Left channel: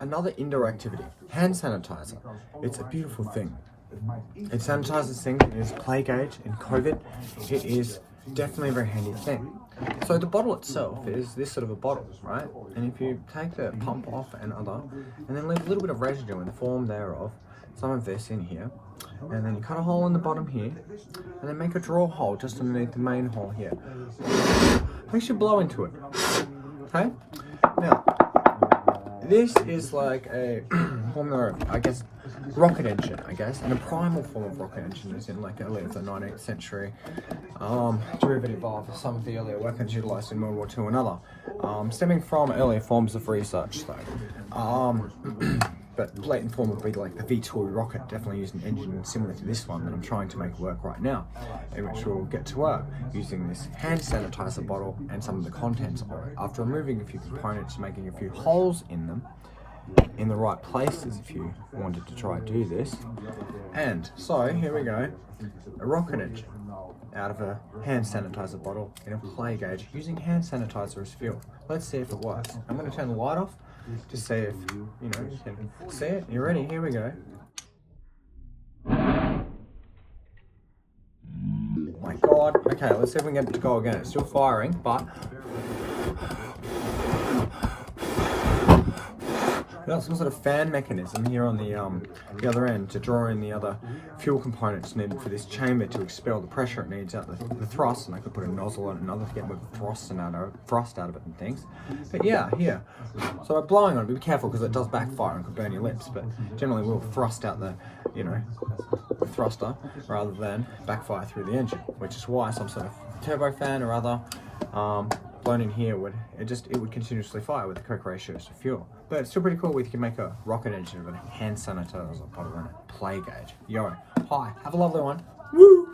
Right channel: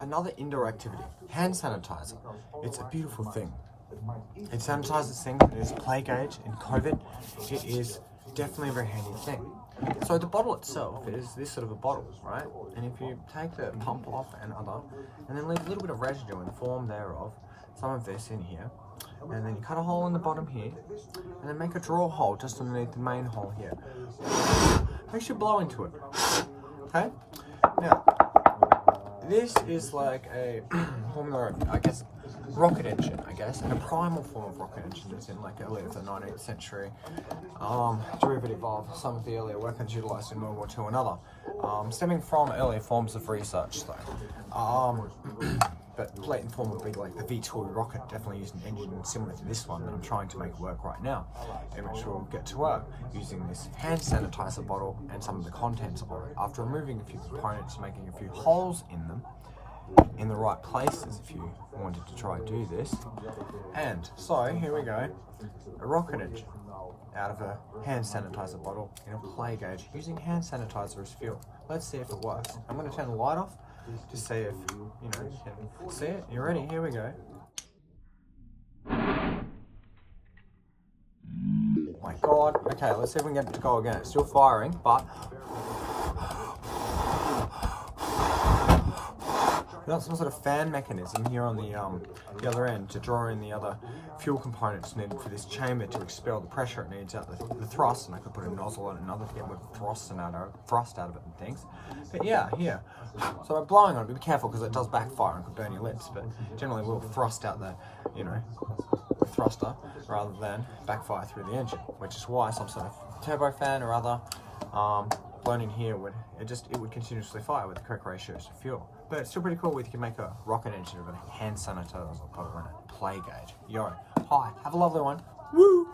another indoor activity, hand sanitizer. It's a beautiful thing. It sanitizes things, it is play gauge in COVID. It is definitely a very handy thing. So the bottle itself is this sort of a bottle, right? And if you take the pump off and then leave a little bit of residue in the form thereof, some of this in here, and then you cut a hole in the bottom here, and then make a draw hole just underneath the main hole here. Make sure you blow into it, okay? Now, this is like a formula of, I guess, rocket engine, and a primal form of rocket engine is in like early of the 19th century, derivative of some of the earlier weapons utilized in World War II and other, stemming from earlier forms of research though. But blatant form would be like the V2 rocket, definitely using an engine similar to this one that I'm trying to make work right now, in which we'll get to work using this hand sanitizer bottle and some of the contents of it. After removing a few components, making a few holes in them, in the right places if you wanted to try do this. And so here we go, a rocket engine out of a hand sanitizer bottle in a play gauge using hand sanitizer as fuel. Let's see if it works. I'm going to turn the light off to see if you can see it. You ready? Here we go. Oh my god. Okay, let's see if we can get it to go again. It's still firing, but we've got some sort of fan mechanism here on the other end to draw in the other fuel components needed for this chamber to expel the pressure it needs out the thrust, and I could put a nozzle on another to get more thrust out of it and things. But yeah, here. So by blowing on it, be careful because it does backfire and could burn your lips, but generally we'll thrust out the thruster rather than backfire through the engine, which is why some sort of turbofan or other blown in here would continuously fire with the correct ratios to fuel. But it's still pretty cool. We can make a rocket engine with a hand sanitizer bottle and a play gauge. Yo, hi, have a lovely one. Woo!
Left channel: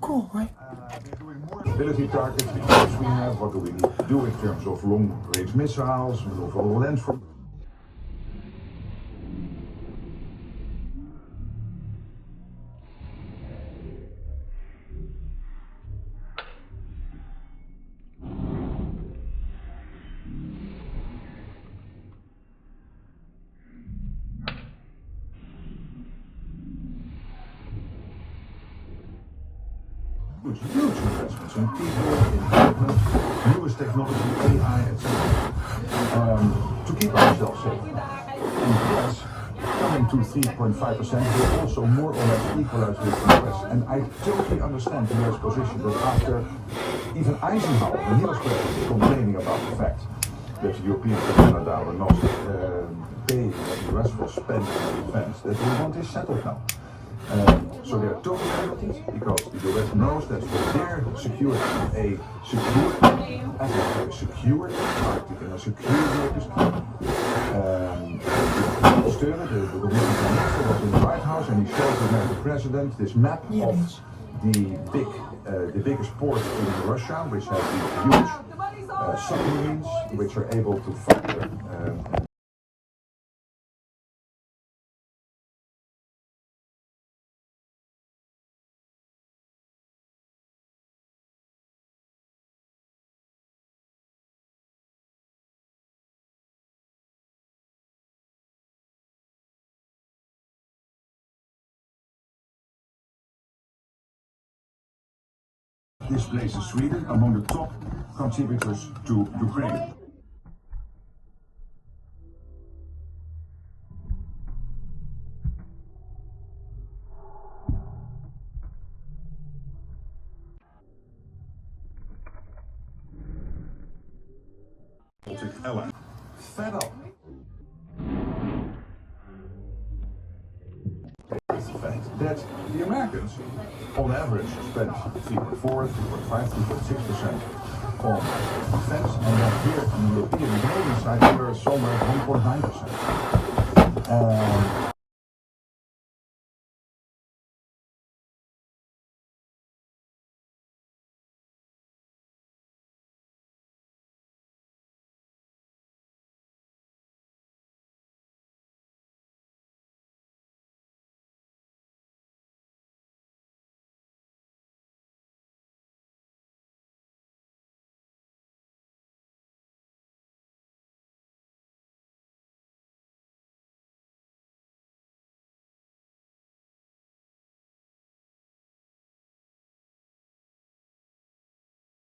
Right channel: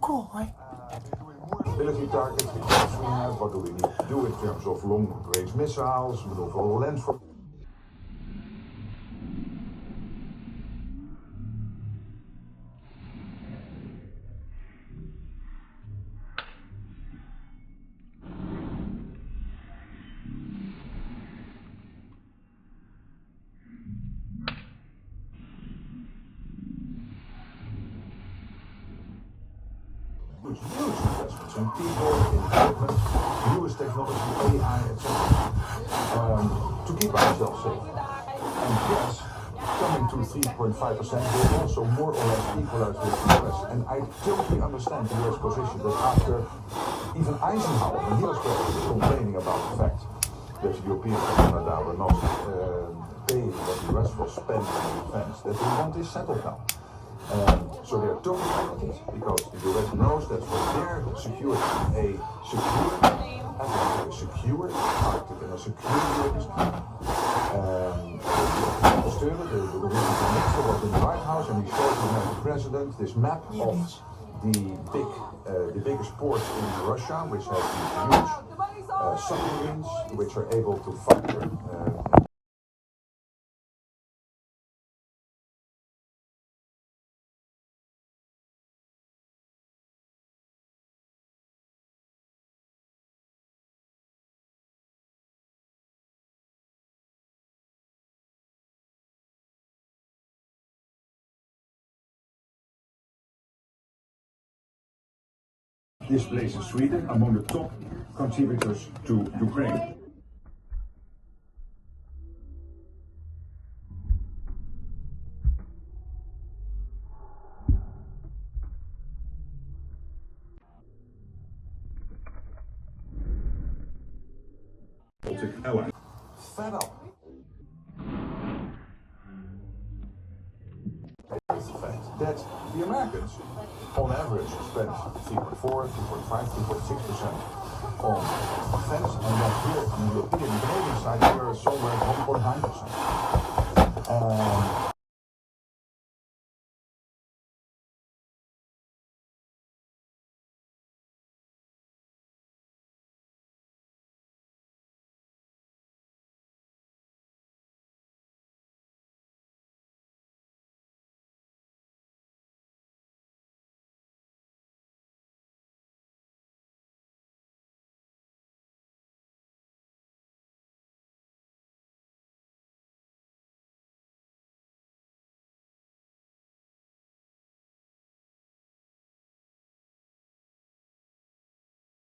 Cool, right? Ability targets, because we have what do we need to do in terms of long-range missiles, maneuverable landform. Huge investments in people, newest technology, AI, etc. To keep ourselves safe. In the US, coming to 3.5% will also more or less equalize with the US. And I totally understand the US position, but after even Eisenhower, the US president, complaining about the fact that the Europeans of Canada will not pay what the US will spend on defense, that we want this settled now. So they are totally competent because the US knows that for their security, a secure Steunen, de minister was in the White House and he shared with the president this map of the biggest ports in Russia, which have these huge submarines which are able to fire This places Sweden among the top contributors to Ukraine. Fed up. That the Americans, on average, spend 3.4, 3.5, 3.6% on defense, and then